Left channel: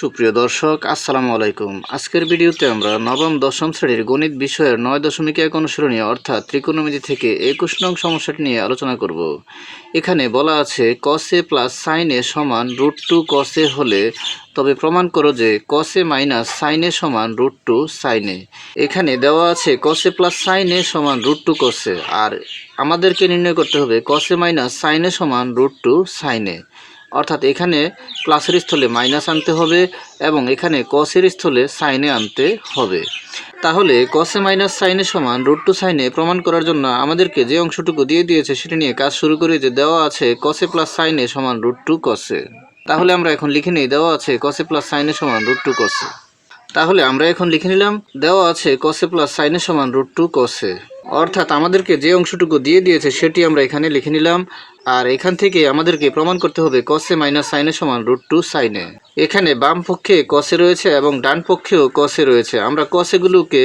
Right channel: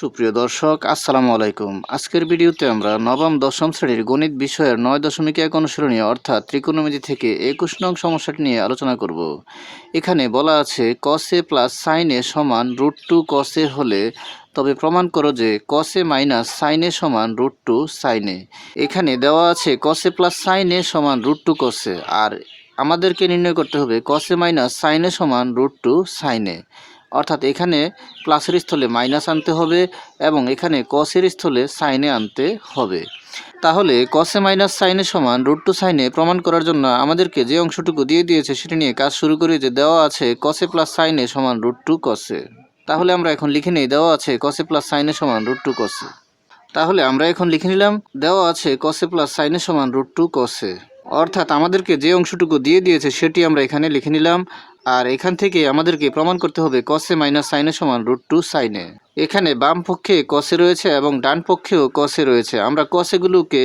সুপ্রিয় দর্শক আসসালামু আলাইকুম। আজকের ভিডিওতে আমরা নবম দশম শ্রেণীর গণিত বিষয়ের 9.1 অনুশীলনী অর্থাৎ ত্রিকোণমিতি থেকে 21 নং সমস্যাটি নিয়ে আলোচনা করব। এখানে বলা আছে cos a plus sin a সমান √2 cos a হলে তবে প্রমাণ করো যে cos a minus sin a সমান √2 sin a। এখানে দেওয়া আছে cos a plus sin a সমান √2 cos a, আর আমাদেরকে নির্ণয় করতে হবে cos a minus sin a সমান √2 sin a। অর্থাৎ এখানে প্লাসের স্থলে মাইনাস আনতে হবে এবং এখানে কসের স্থলে সাইনে আনতে হবে। তাহলে কসে মাইনাস সাইনে সমান √2 সাইনে প্রমাণ করার জন্য আমাদেরকে যে অংশটুকু দিয়ে দিয়েছে সেটা নিয়ে কাজ শুরু করে, যে দেওয়া আছে কসে প্লাস সাইনে সমান √2 কসে। তাহলে আমরা এখন লিখে নিই দেওয়া আছে কসে প্লাস সাইনে সমান √2 কসে। তাহলে আমরা এখন লিখে নিলাম দেওয়া আছে কসে প্লাস সাইনে সমান √2 কসে। অর্থাৎ আমাদেরকে যে অংশটুকু দিয়ে দিয়েছে সেটি আমরা এখানে লিখে নিলাম, আর এখান থেকে আমাদেরকে প্রমাণ করতে হবে কসে মাইনাস সাইনে সমান √2 সাইনে। এখানে বাম পক্ষে কসে রয়েছে এবং ডান পক্ষেও কসে রয়েছে। আমরা কসেগুলোকে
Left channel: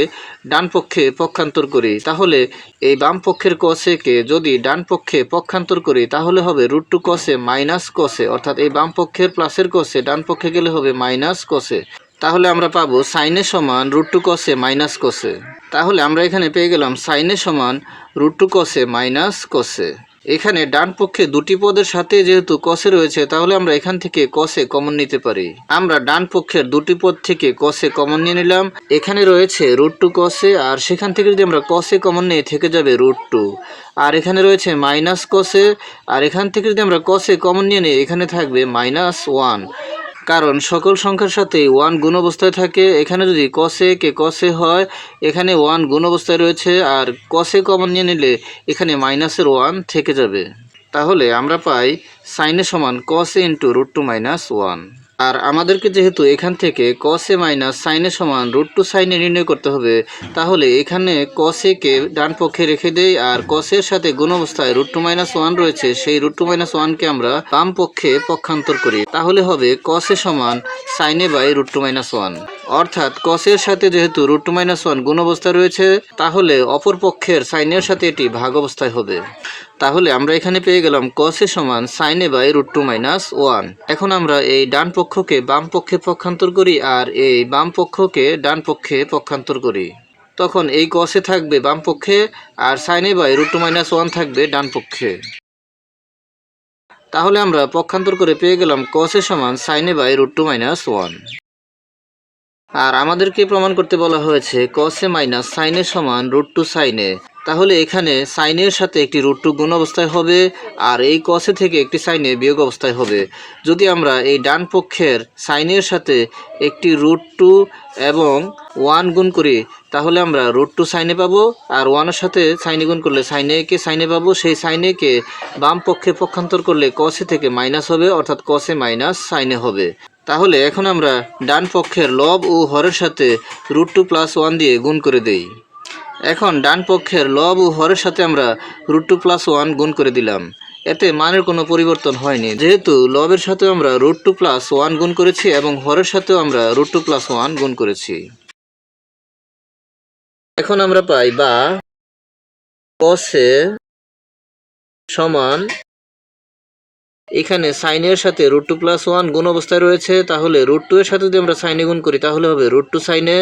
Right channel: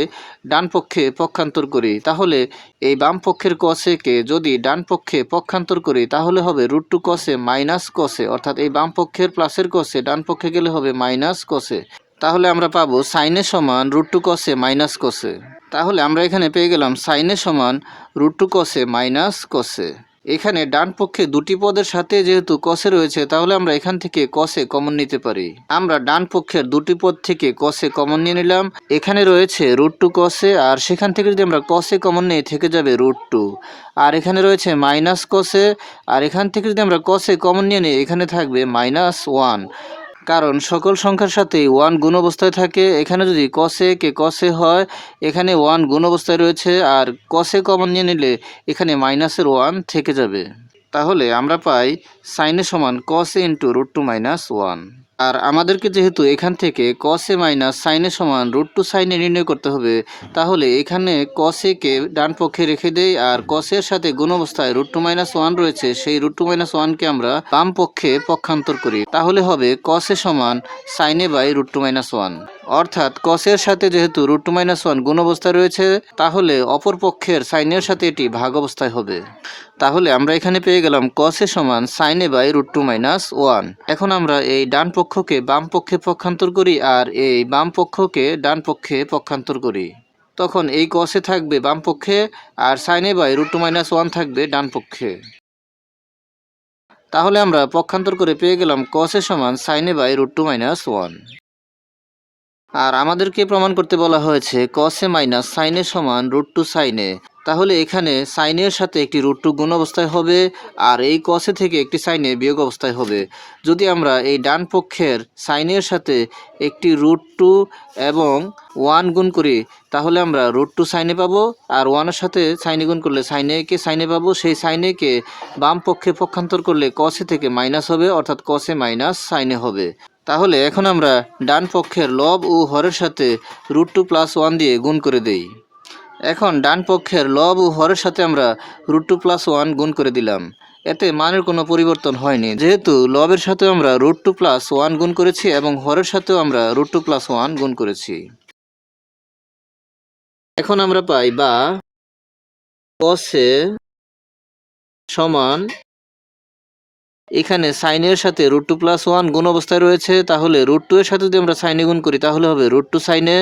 ডান পক্ষে পক্ষান্তর করি, তাহলে এই বাম পক্ষের কসেকে যদি ডান পক্ষে পক্ষান্তর করি তাহলে হবে √2 কসে মাইনাস কসে। অর্থাৎ এই বাম পক্ষের প্লাসের কসে ডান পক্ষে গেলে হবে মাইনাস কসে। তাহলে আমরা পাবো সাইনে সমান √2 কসে মাইনাস কসে। তাহলে আমরা এখানে পেয়ে গেলাম সাইনে সমান √2 কসে মাইনাস কসে। এখানে ডান পক্ষে দুটি পদের সাথে যেহেতু কসে রয়েছে তাহলে আমরা এখান থেকে কসে কমন নিতে পারি। আমরা ডান পক্ষের দুটি পদ থেকে কসে কমন নিয়ে নিলাম। এখানে রয়েছে √2 কসে, আর সেখান থেকে যদি আমরা কসে কমন নিয়ে থেকে যাবে √2, আর এখানে রয়েছে মাইনাস কসে, আর এখান থেকে যদি আমরা কসে কমন নিয়ে নিই এখানে থাকবে -1, কারণ সকল সংখ্যার সাথেই 1 গুণ অবস্থায় থাকে। এখানে যদি কসে কে কসে হয় এখানে 1 গুণ অবস্থায় রয়েছে, আর কসে কমন নিয়ে নিলে এখানে -1 থেকে যাবে। তাহলে আমরা পাই সাইনে সমান কসে ইন্টু √2 -1। আর আমাদেরকে যেহেতু এখান থেকে কসে মাইনাস সাইনে সমান √2 সাইনে নির্ণয় করতে হবে, তাহলে এখানে কসেকে ডান পক্ষে রেখে দেই, আর কসের সাথে গুণ অবস্থায় √2 -1 রয়েছে, সেই √2 -1কে আমরা বাম পক্ষে পক্ষান্তর করি। তাহলে হবে কসে সমান সাইনে বাই √2 -1। অর্থাৎ কসের সাথে যেহেতু √2 -1 গুণ অবস্থায় রয়েছে তাহলে অপর পক্ষের সাইনের সাথে এটি ভাগ অবস্থায় হবে। তাহলে আমরা এখানে পেয়ে গেলাম কসে সমান সাইনে বাই √2 -1। এখন আমরা এই ডান পক্ষকে বাম পক্ষে পক্ষান্তর করি আর এই বাম পক্ষকে ডান পক্ষে পক্ষান্তর করি। তখন এই কসে থাকবে বাম পক্ষে আর সাইনে বাই √2 -1 থাকবে ডান পক্ষে। তাহলে আমরা পক্ষান্তর করে পেয়ে গেলাম কসে সমান সাইনে বাই √2 -1। আর আমাদেরকে প্রমাণ করতে বলা হয়েছে কসে মাইনাস সাইনে সমান √2 সাইনে। তাহলে এখানে সাইনের সাথে একটি √2 গুণ অবস্থায় হবে, আর এই কসে থেকে একটি সাইনে বিয়োগ অবস্থায় হবে। যদি আমরা এই ডান পক্ষের সাইনের সাথে একটি √2 এবং 1 গুণ করি তাহলে আমরা √2 সাইনে পাবো, আর 1-এর সাথে সাইনে গুণ করলে সাইনে কে সাইনে পাবো। সেই সাইনেকে বাম পক্ষে পক্ষান্তর করলে কসে থেকে মাইনাস হবে, অর্থাৎ কসে মাইনাস সাইনে হবে। তাহলে এখন আমরা ডান পক্ষের লব ও হরের সাথে √2 + 1 দিয়ে গুণ করে দেই। এখন ডান পক্ষের লব ও হরের সাথে আমরা √2 + 1 গুণ করে দিলাম। এতে মানের কোনো পরিবর্তন হয়নি, যেহেতু লবের সাথে আমরা √2 + 1 গুণ করেছি এবং হরের সাথেও আমরা √2 + 1 গুণ করেছি। এখন আমরা পাই বা কসে সমান, এখানে সাইনের সাথে √2 + 1 গুণ অবস্থায় রয়েছে, তাহলে √2 এর সাথে যদি আমরা সাইনে গুণ করি তাহলে হবে √2 সাইনে,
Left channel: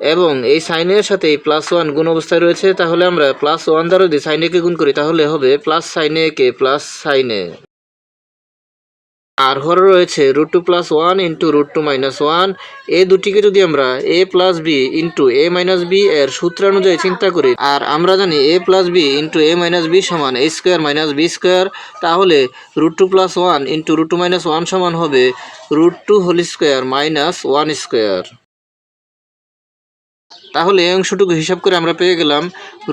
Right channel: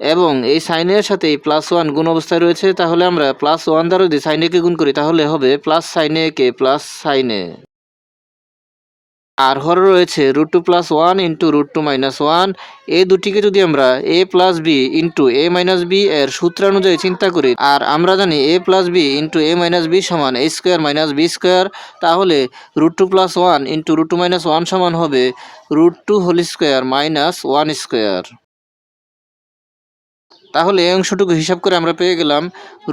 এবং এই সাইনের সাথে এই +1 গুণ অবস্থায় রয়েছে, তাহলে আমরা +1 দ্বারা যদি সাইনেকে গুণ করি তাহলে হবে প্লাস সাইনে কে প্লাস সাইনে। আর হরে রয়েছে √2 + 1 ইন্টু √2 -1। এই দুটিকে যদি আমরা a + b into a - b এর সূত্রানুযায়ী চিন্তা করি, আর আমরা জানি a + b into a - b সমান a² - b², তাহলে √2 + 1 ইন্টু √2 -1 সমান হবে √2² - 1²। তাহলে এই অংশটুকু হিসাব করে আমরা পেয়ে গেলাম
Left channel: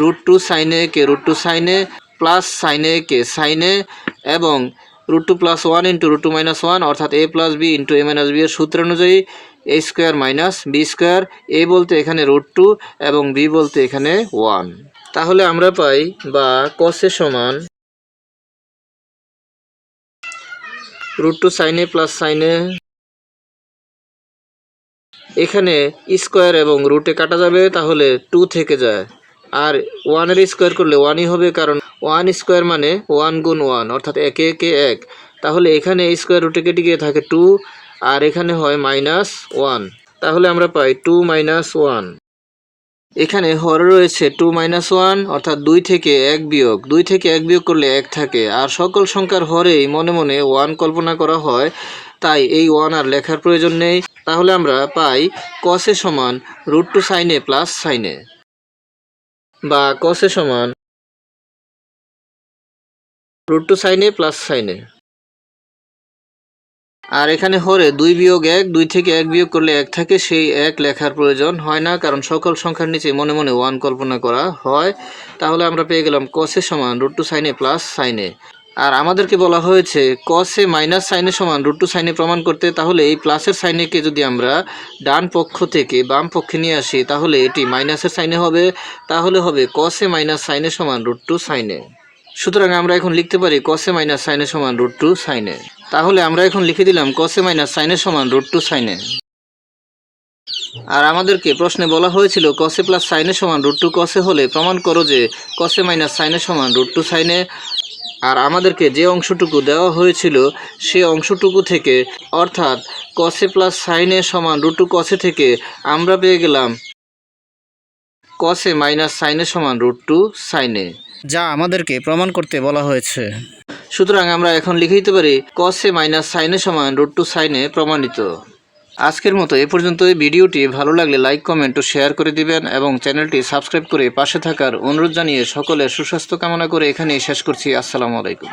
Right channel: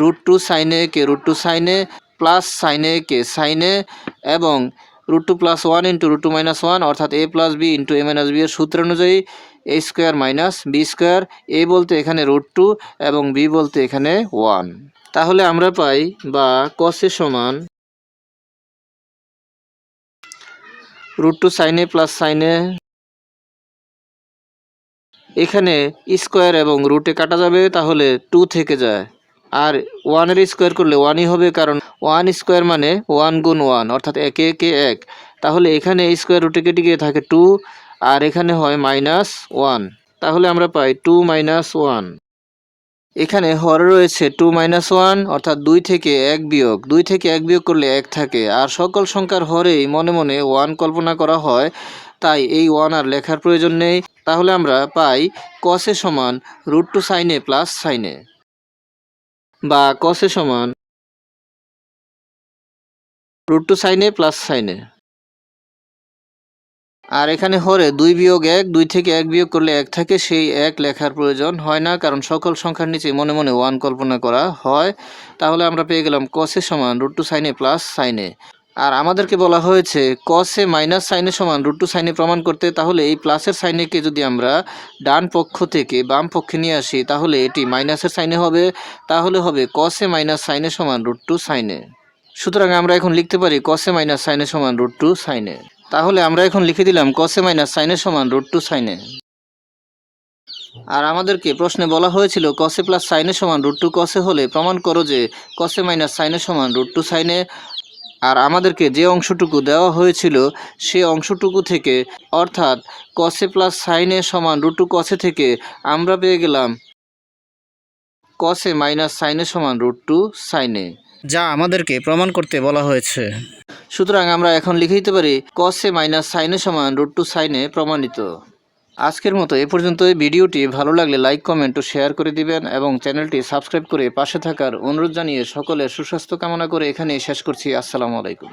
√2 সাইনে কে √2 সাইনে প্লাস সাইনে কে সাইনে, এবং √2 + 1 ইন্টু √2 -1 অর্থাৎ a + b into a - b এর সূত্রানুযায়ী a² - b²। a বলতে এখানে √2 এবং b বলতে এখানে 1। তাহলে আমরা পাই বা কসে সমান √2 সাইনে প্লাস সাইনে, এখানে স্কোয়ার এবং রুটে কাটা যাবে তাহলে 2 থেকে যায়, আর 1-এর স্কোয়ার করলে 1ই হবে, কারণ 1² মানে 1 গুণ 1 অর্থাৎ 1 1 1। তাহলে এখানে স্কোয়ার রুটে কেটে গিয়ে থাকে 2, আর এখানে হয় -1, তাহলে আমরা পাই 2 - 1। এখানে হরে রয়েছে 2 - 1 অর্থাৎ 2 থেকে 1 বিয়োগ, 2 থেকে 1 বিয়োগ করলে 1 থাকে। আর সকল সংখ্যার হরেই মনে মনে 1 কল্পনা করা হয়, তাই এই 1 আর লেখার প্রয়োজন নেই। তাহলে আমরা পাই cos এ সমান √2 sin a plus sin a, বা cos এ সমান √2 sin a plus sin a। আর এখানে হরে 2 বিয়োগ 1, 2 থেকে 1 বিয়োগ করলে 1 থাকে, সেই 1 লেখার প্রয়োজন হয় না, কারণ সকল সংখ্যার নিচে মনে মনে 1 কল্পনা করা হয়। তাহলে আমরা পেয়ে গেলাম cos এ সমান √2 sin a plus sin a। আর আমাদেরকে বলা হয়েছে cos A minus sin a সমান √2 sin a প্রমাণ করতে। তাহলে এই প্লাসের sin a কে যদি আমরা ডান পক্ষ থেকে বাম পক্ষে নিয়ে আসি, তাহলে এটি মাইনাসের sin a হবে। তাহলে হবে cos A minus sin a সমান √2 sin a। সুতরাং আমরা এখন লিখতে পারি cos A minus sin a সমান √2 sin a। তাহলে আমরা এখন লিখে দিলাম cos A minus sin a সমান √2 sin a। আর আমাদেরকে প্রশ্নে বলা হয়েছিল cos A plus sin a সমান √2 cos a হলে প্রমাণ করো যে cos A minus sin a সমান √2 sin a। আর আমাদেরকে যে অংশটুকু দেওয়া হয়েছিল সে অংশটুকু থেকে, অর্থাৎ cos A plus sin a সমান √2 cos a থেকে আমরা পেয়ে গেলাম cos A minus sin a সমান √2 sin a, যা আমাদেরকে প্রমাণ করতে বলা হয়েছে। সুতরাং আমরা এখন লিখে দিতে পারি cos A minus sin a সমান √2 sin a প্রমাণিত। আজকের মতো এ পর্যন্ত। ভিডিওটি ভালো লাগলে লাইক, কমেন্ট ও শেয়ার করে দিবেন এবং চ্যানেলটি সাবস্ক্রাইব করে পাশে থাকার অনুরোধ জানিয়ে সকলের সুস্বাস্থ্য কামনা করে এখানেই শেষ করছি। আসসালামু আলাইকুম।